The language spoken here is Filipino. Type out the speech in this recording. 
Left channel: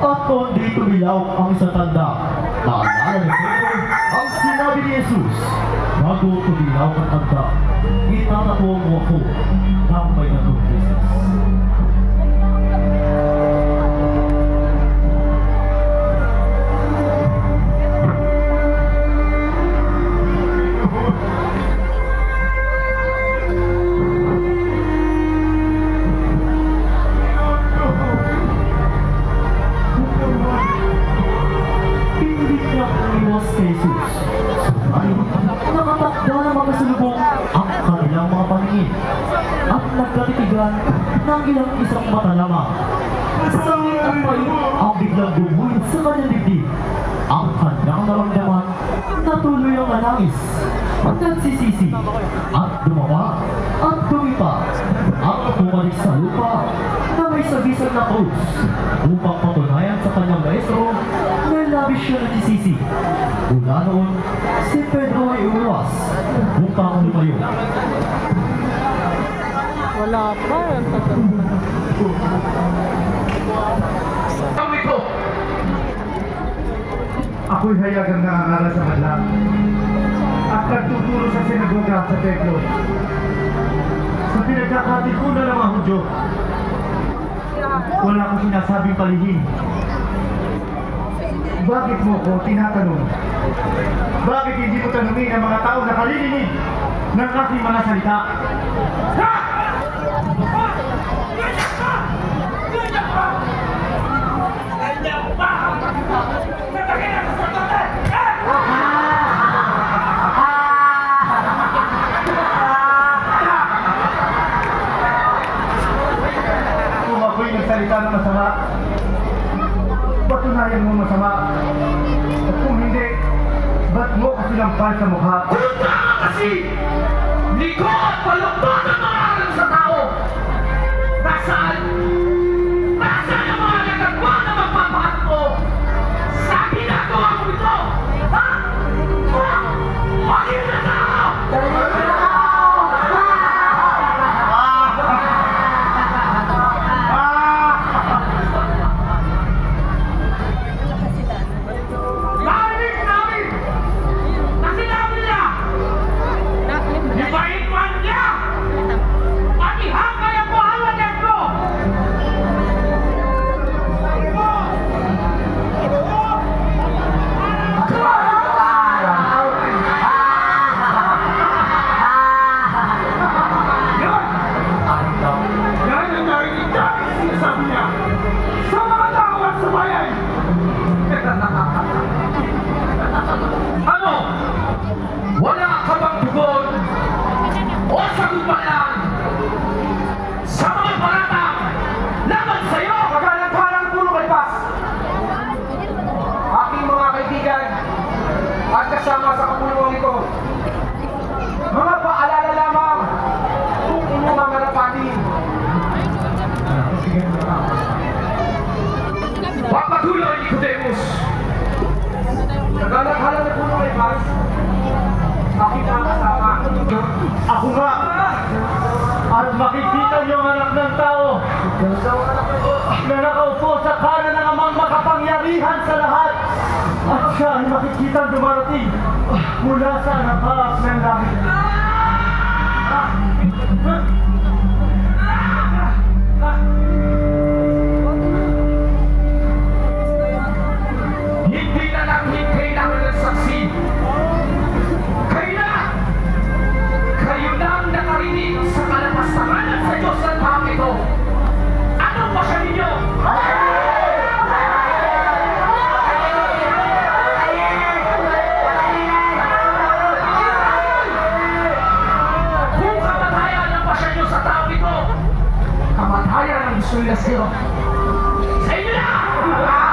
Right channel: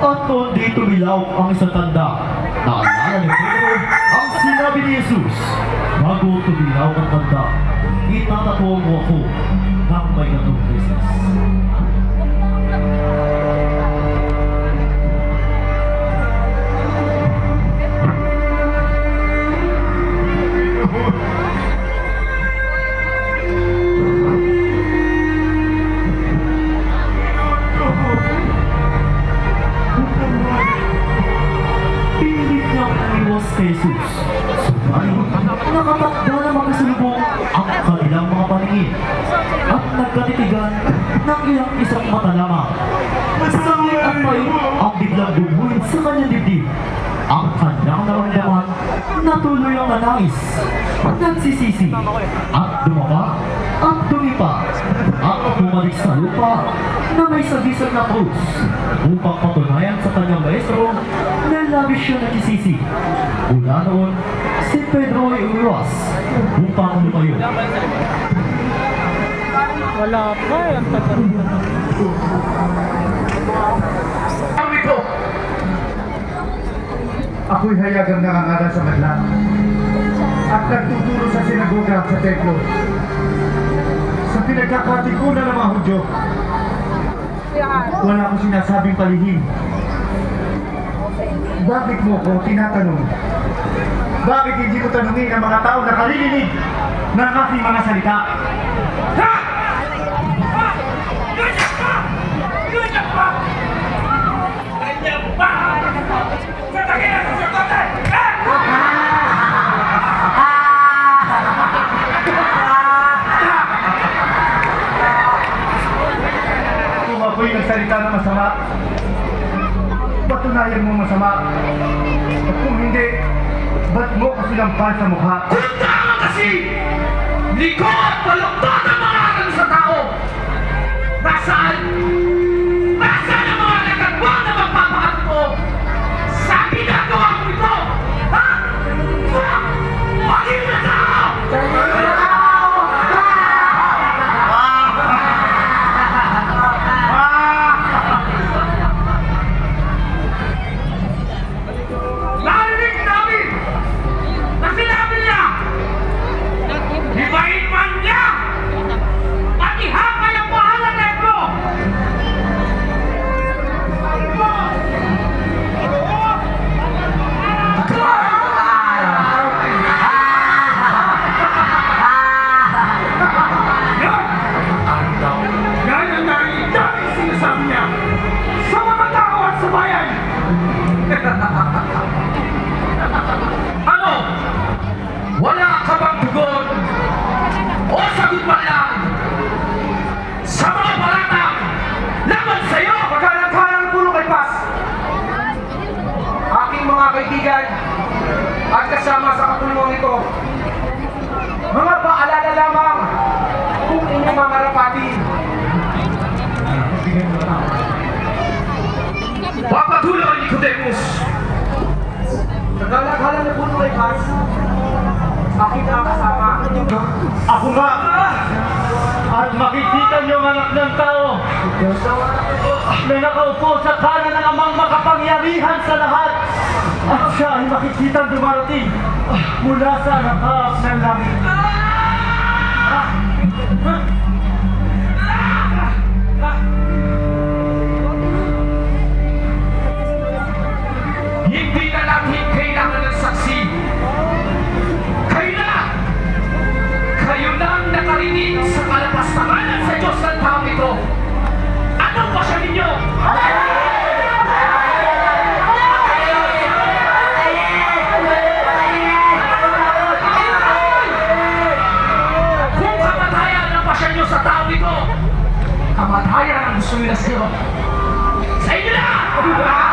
At kung di tumilaw ang isang tanda, naalala ni Pedro ang sinabi ni Jesus, bago tumilaw ang tanda, itatapon mo ako ng may gatong beses. Jesus. Subalit, nakatakda na makasulubong ang kanilang mga paningin at nagkatitigan ng ilang isang mata lamang. Sangit ang pain ang biglang bumuhin sa kanyang dibdib. Ang kanyang naramdaman na tuloy ang nanais, nagsisisi at dumaba at dumipa at bumalik sa lupa na may sagisag na krus upang patunayan sa kanyang maestro na labis siya nagsisisi. Mula noon, si Pedro ay umiwas upang lumayo. Wala pa eh, ang tagal pa na. Ako'y hayagang nangangaral sa madlang at nagtuturo sa sinagoga sa templo. Sa pinagkakatikunan ng mga Hudyo, wala akong sinasabing palihim. Bakit mo ko tinatanong? Bakit hindi mo tanungin ang mga tao na kalilinig ng aking mga salita? Ha! Ganyan pa! Ganyan pa! Ganyan pa! Matagin ang sasakote! Kung ako'y nagsalita ng masama, patunayan mo masama. At kung hindi, ba't mo kasi lampal sa mukha? Kunta kasi! Hindi ko palumpat ang mga aral sa tao! Nasaan? Nasaan ang mga nagagawa na magpapakat mo? Sa ginagawa mo ito! Ha? Bakit na tao? Narinig namin na sinabi niya, hibahin man niya at ihakay ang mahal na templo. Yan ang narinig namin sinasabi niya sa mga tao at sa bayan. Ano? Wala ka bang tugon? O sagot man lang sa mga paratang laban sa'yo? Pagkalantahan ang pulong kalpas! Aking mga kaibigan at kasama sa kapulungan ito, mga paalala lamang kung inyong mga rapatin. Papatuloy, Nicodemus! Naglalaghalan na pulong kalpas, aking nakasama. Ako nga! At makikita niyong anak ng tao na nakaupo sa kanan ng amang makapangyarihan sa lahat. At siya ay makikita dumarating mula sa nakas ng langit. Hindi na natin kailangan ng saksi. Kayo na ang nakarinig sa kalapastanganan sa Diyos ng tao ito. Anong pasya ninyo? Kung kamatayan ang pasya nyo sa tao ito, kamatayan ang gusto nila sa'yo. Sa inyo na!